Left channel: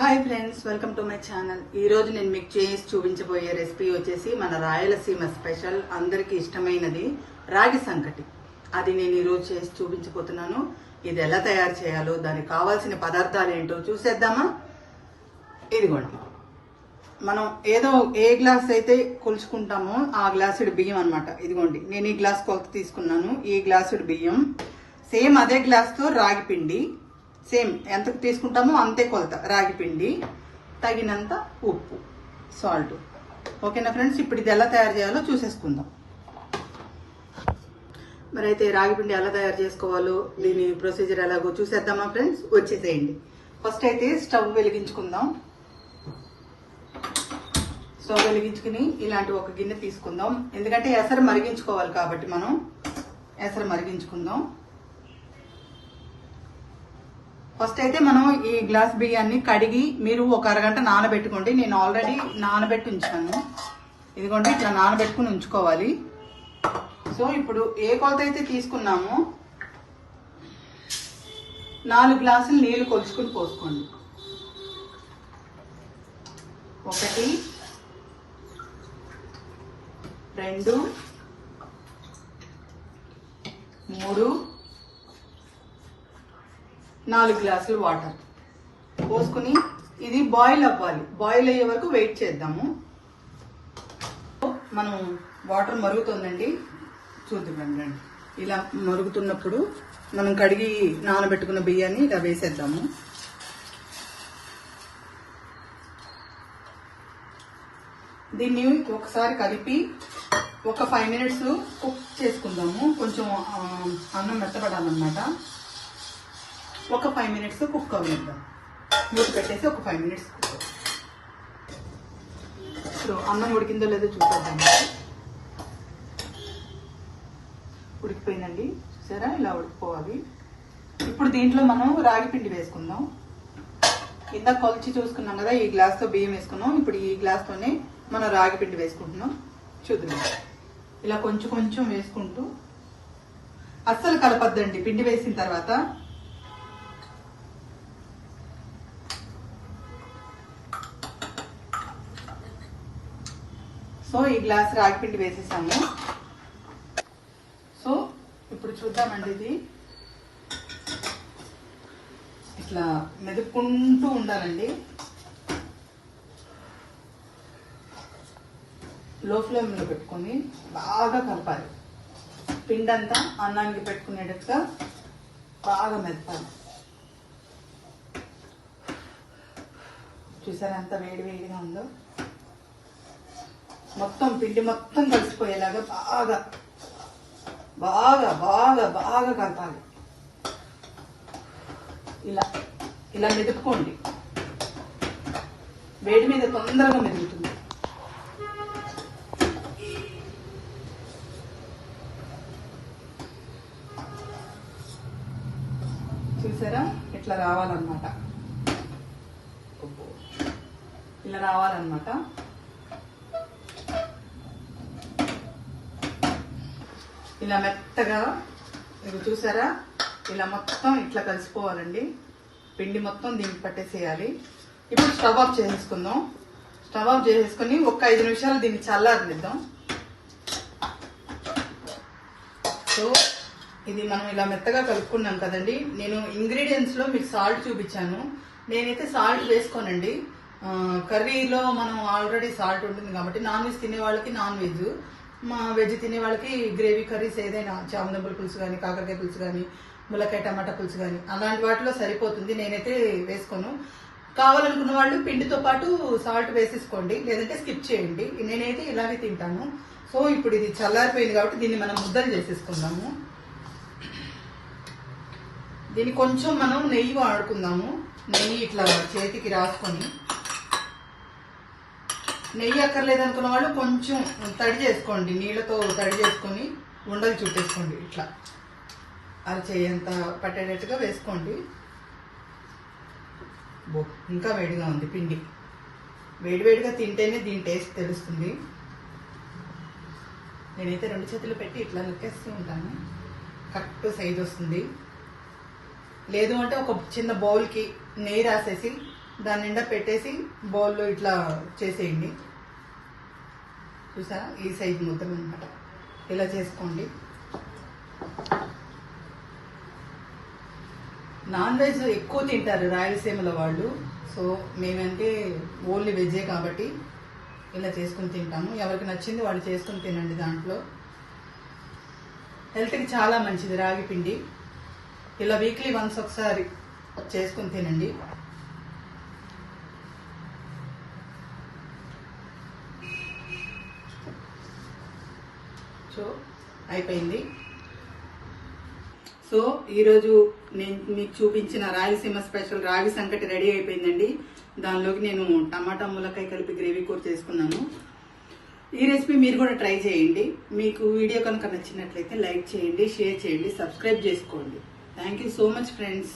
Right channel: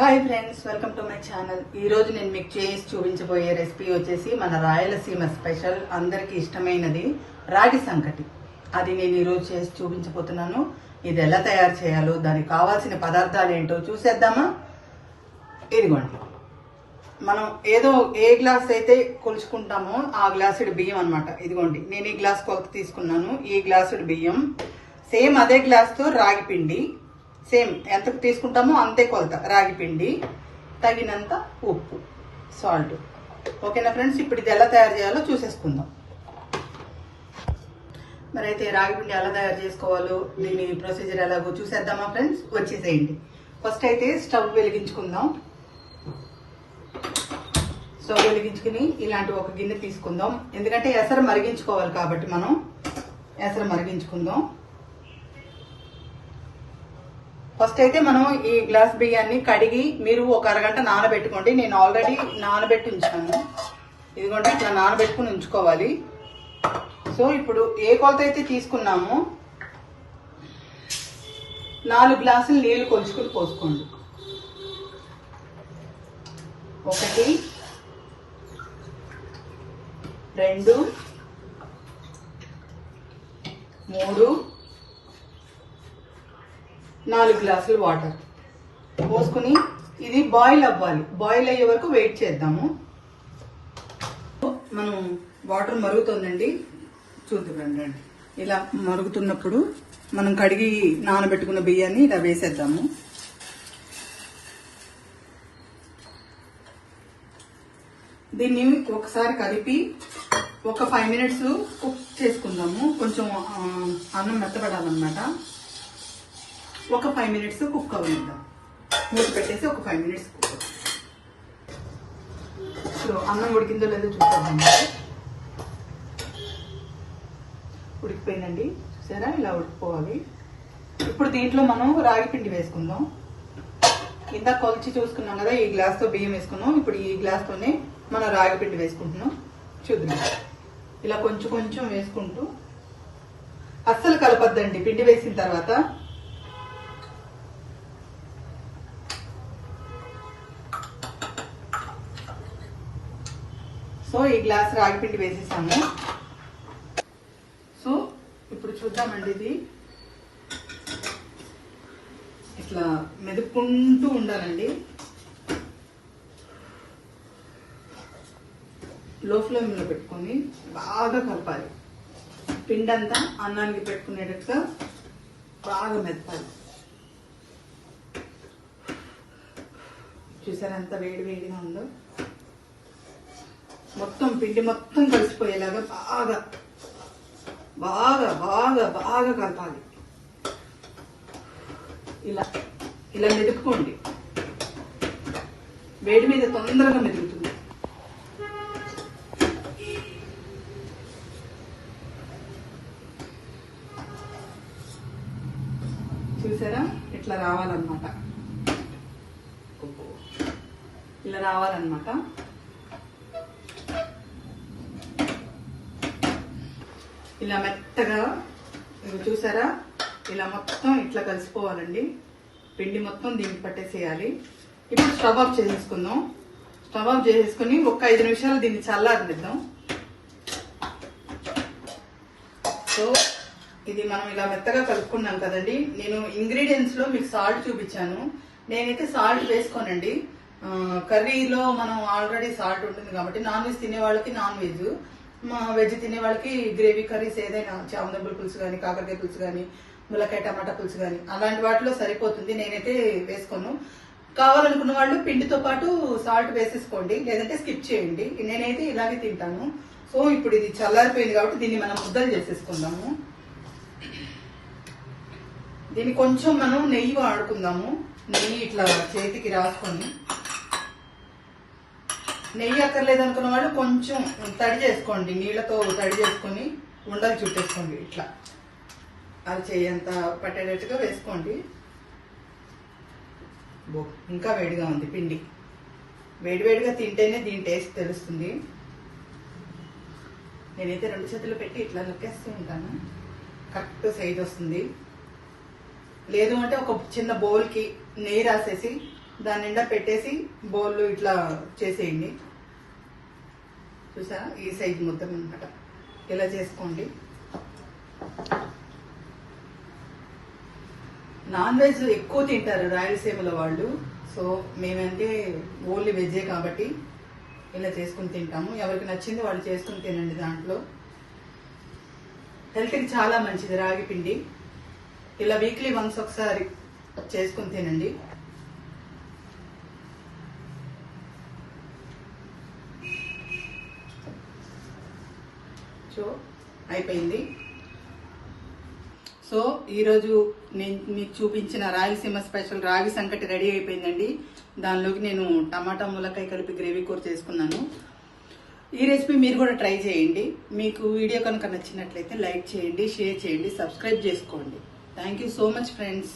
Hi friends, welcome to my channel. ఈ రోజు నేను మీకు చేసి చూపించబోయే రెసిపీ వచ్చేసి మన రాయలసీమ స్పెషల్, అందరికి ఇష్టమైనది రాగి సంకటి. అది నేను ఈ రోజు చేసి చూపించబోతున్నాను. ఇది ఎలా తయారు చేయాలో, దానికి కావాల్సిన పదార్థాలు ఏంటో చూసేద్దామా. ఇదిగోండి, మనం ఏ గ్లాస్ అయితే కొలుచుకుంటామో ఆ గ్లాసుడు బియ్యం అన్నమాట. ఇదిగోండి, నేను ఈ గ్లాస్ కొలత తీసుకున్నాను. ఈ గ్లాసుడు బియ్యం, సేమ్ అదే గ్లాస్ తో రాగి పిండి, సేమ్ ఎంతకు తీసుకుంటామో అంతే కొలత రాగి పిండి, తగినంత ఉప్పు, సాల్ట్. ఓకేనా ఫ్రెండ్స్, ఇప్పుడు ఇది ఎలా తయారు చేయాలో చూసేసుకుందాం. మరి అయితే రాగి పిండి ఎలా తయారు చేసుకోవాలో, దీని ప్రొసీజర్ ఎలాగో చూసేద్దామా ఫ్రెండ్స్. వచ్చేసేయండి. ఫస్ట్ అయితే స్టవ్ వెలిగించుకుందాం. స్టవ్ వెలిగించుకుని ఇలాంటి ఒక గిన్నె తీసుకుందాం. ఎందుకంటే ఎసరు మరిగించుకోవాలి కాబట్టి మనం ఎసరు మరిగించుకుందాం. ఫస్ట్ అయితే మనం ఈ గ్లాస్ బియ్యాన్ని కడిగి మీరు ఒక అరగంట నానబెట్టుకోండి. నేను ఆల్రెడీ నానబెట్టి ఉంచాను. ఇదిగోండి, ఇట్లా నానబెట్టుకుని ఉంచుకోవాలి. సో ఇప్పుడు ఏ కొలత అయితే తీసుకున్నామో 4 గ్లాసులు నీళ్లు కొలుచుకుని పోసుకోండి. 1 2 3 4 గ్లాసులు వాటర్ పోసుకుని ఇది బాయిల్ అవ్వాలి. బాయిల్ అయ్యే వరకు వెయిట్ చేద్దాము. మనం వాటర్ మరుగుతుందండి, చూద్దామండి. ఇలా మరుగుతున్నప్పుడు మనం కడిగి నానబెట్టుకున్న బియ్యాన్ని ఇలా వేసేద్దాము. దీన్ని ఒకసారి కలిపి ఒక 5 మినిట్స్ కుక్ చేసుకుందాము. కొంచెం అన్నం మెత్తపడాలన్నమాట. ఒక 5 మినిట్స్ కుక్ అవ్వనిద్దాం. మూత పెట్టేసి ఒక 5 మినిట్స్ కుక్ అవ్వాలి. ఇప్పుడు అన్నం ఉడికిందో లేదో చూద్దామండి. ఉడికిపోయిందండి, చూసారా? ఇలా ఉడికిపోవాలి. ఇప్పుడు దీంట్లో మనం రాగి పిండి వేసుకుందాం. ఇందాక కొలిచి చూసుకున్నాం కదా, ఈ గ్లాస్తో బియ్యం వేసుకున్నాం. ఇప్పుడు ఈ గ్లాస్తోనే మనం రాగి పిండి వేసుకుంటున్నాం. చూద్దాం. ఇలా కొంచెం కొంచెం వేసుకుంటూ, అస్సలు కలపద్దండి పిండి వేసిన తర్వాత. సో ఈ గ్లాస్ రాగి పిండి వేసేసాము. సో ఇప్పుడు చూద్దామండి. ఇది ఇట్లా మెదుపుకుంటూ ఉండాలండి. లో ఫ్లేమ్లో పెట్టుకొని బాగా కలపాలి. పిండి అంతా అన్నానికి పెట్టుకునేటట్టుగా బాగా మెదపాలి. చూసారా ఎంత వేడి వేడిగా ఉందో. మొత్తం పిండి మొత్తం కలిసిపోయేలాగా బాగా బాగా బాగా బాగా కలపాలి. ఇలా ఇలా మెదుపుకోండి. వేడి మీద తొందరగా మెదుగుతుంది. చూసారా? ఇట్లా రావాలన్నమాట. ఇలా రావాలన్నమాట. ఇలా మెత్తగా, ఇది చూసారా? ఇలా మొత్తం ఇట్లా కలిసిపోవాలండి. పిండి మొత్తం దీనికి పట్టేసేయాలి. ఇప్పుడు స్టవ్ ఆఫ్ చేసేసుకుందాం. స్టవ్ ఆఫ్ చేసేసుకుని ఒక 5 నిమిషాలు దీన్ని చల్లారనిద్దాం. సో ఇది మనం ఇలా మెత్తగా కలుపుకున్నాం కదండి. నేను ఇంగ్రీడియంట్స్ లో మీకు సాల్ట్ చూపించాను. నేనైతే సాల్ట్ వేసుకోనండి. కర్రీలో మనం ఆల్రెడీ సాల్ట్ ఉంటుంది కాబట్టి, నాన్ వెజ్ తినే వాళ్ళకి నాన్ వెజ్, వెజ్ తినే వాళ్ళకి గ్రేవీ కర్రీస్ ఏదైనా చామదుంపల పులుసు కానీ, కాకరకాయ పులుసు కానీ, ములక్కాయ టమాటా పులుసు కానీ అలాంటి వాటిలో సరిపోతుంది. నేనైతే వేసుకోను. కావాలనుకున్న వాళ్ళు పిండితో పాటు సాల్ట్ వేసేసుకోండి, లేదంటే స్కిప్ చేయండి. నేనైతే ఇలాగే తింటాను. సో ఇప్పుడు ఇది చల్లారిపోయింది కాబట్టి దీన్ని మనం ముద్దలు చేసేసుకుందాము. దీన్ని కొంచెం మనం నెయ్యి వాడుకుందాము. నెయ్యి ఇట్లా చేతికి రాసుకొని, నెయ్యి అక్కర్లేదు అనుకున్న వాళ్ళు కొంచెం తడి చేసుకోండి, నీళ్లతో తడి చేసుకొని ఉండలు చుట్టేసుకోండి. ఇట్లా అది చేయంత పట్టేటట్టుగా వేసుకోండి. ఇంకా వేడిగా ఉంది పిండి. వేడివేడిగా తింటేనే దీని టేస్ట్ తెలుస్తుంది. నేనైతే 2 చేతులు పెట్టి ఇట్లా నొక్కేస్తూ ఉంటాను. కరెక్ట్ సైజ్ వస్తుంది. లేదు అంటే ఒక చిన్న బౌల్కి నెయ్యి రాసేసి దాని నిండా పెట్టేసి బౌల్లో ఇట్లా చేసేయండి. చూసా, ఈ సైజ్ మొత్తం అనమాట. ఇలా చేసుకోండి. నాన్ వెజ్ ఎక్కువ తింటారు రాయలసీమలో వాళ్ళు. సో మేమంటే ఓన్లీ వెజ్జే కాబట్టి ఇలా చేసుకుని తింటాము. ఎవరికి నచ్చింది వాళ్ళు చేసుకుని తినండి. దాంట్లో హెల్త్కి చాలా మంచిది రాగి పిండి. ఇలా వీక్లీ వన్స్ ఒకసారి చేసుకుని తినండి. సో అయిపోయింది. సో ఈరోజు నేను మీకు చూపించిన రాయలసీమ స్పెషల్ రాగి సంకటి రెడీ అయిపోయిందండి. దానిలోకి నేను టమాటా ములక్కాయ కలిపి గ్రేవీ కూర చేసుకున్నాను. ఈ రెసిపీ మీరు కూడా ట్రై చేయండి. మీకు వీడియో కనుక నచ్చినట్లయితే లైక్ చేయండి, షేర్ చేయండి, సబ్స్క్రైబ్ చేసుకోండి. Thank you so much friends.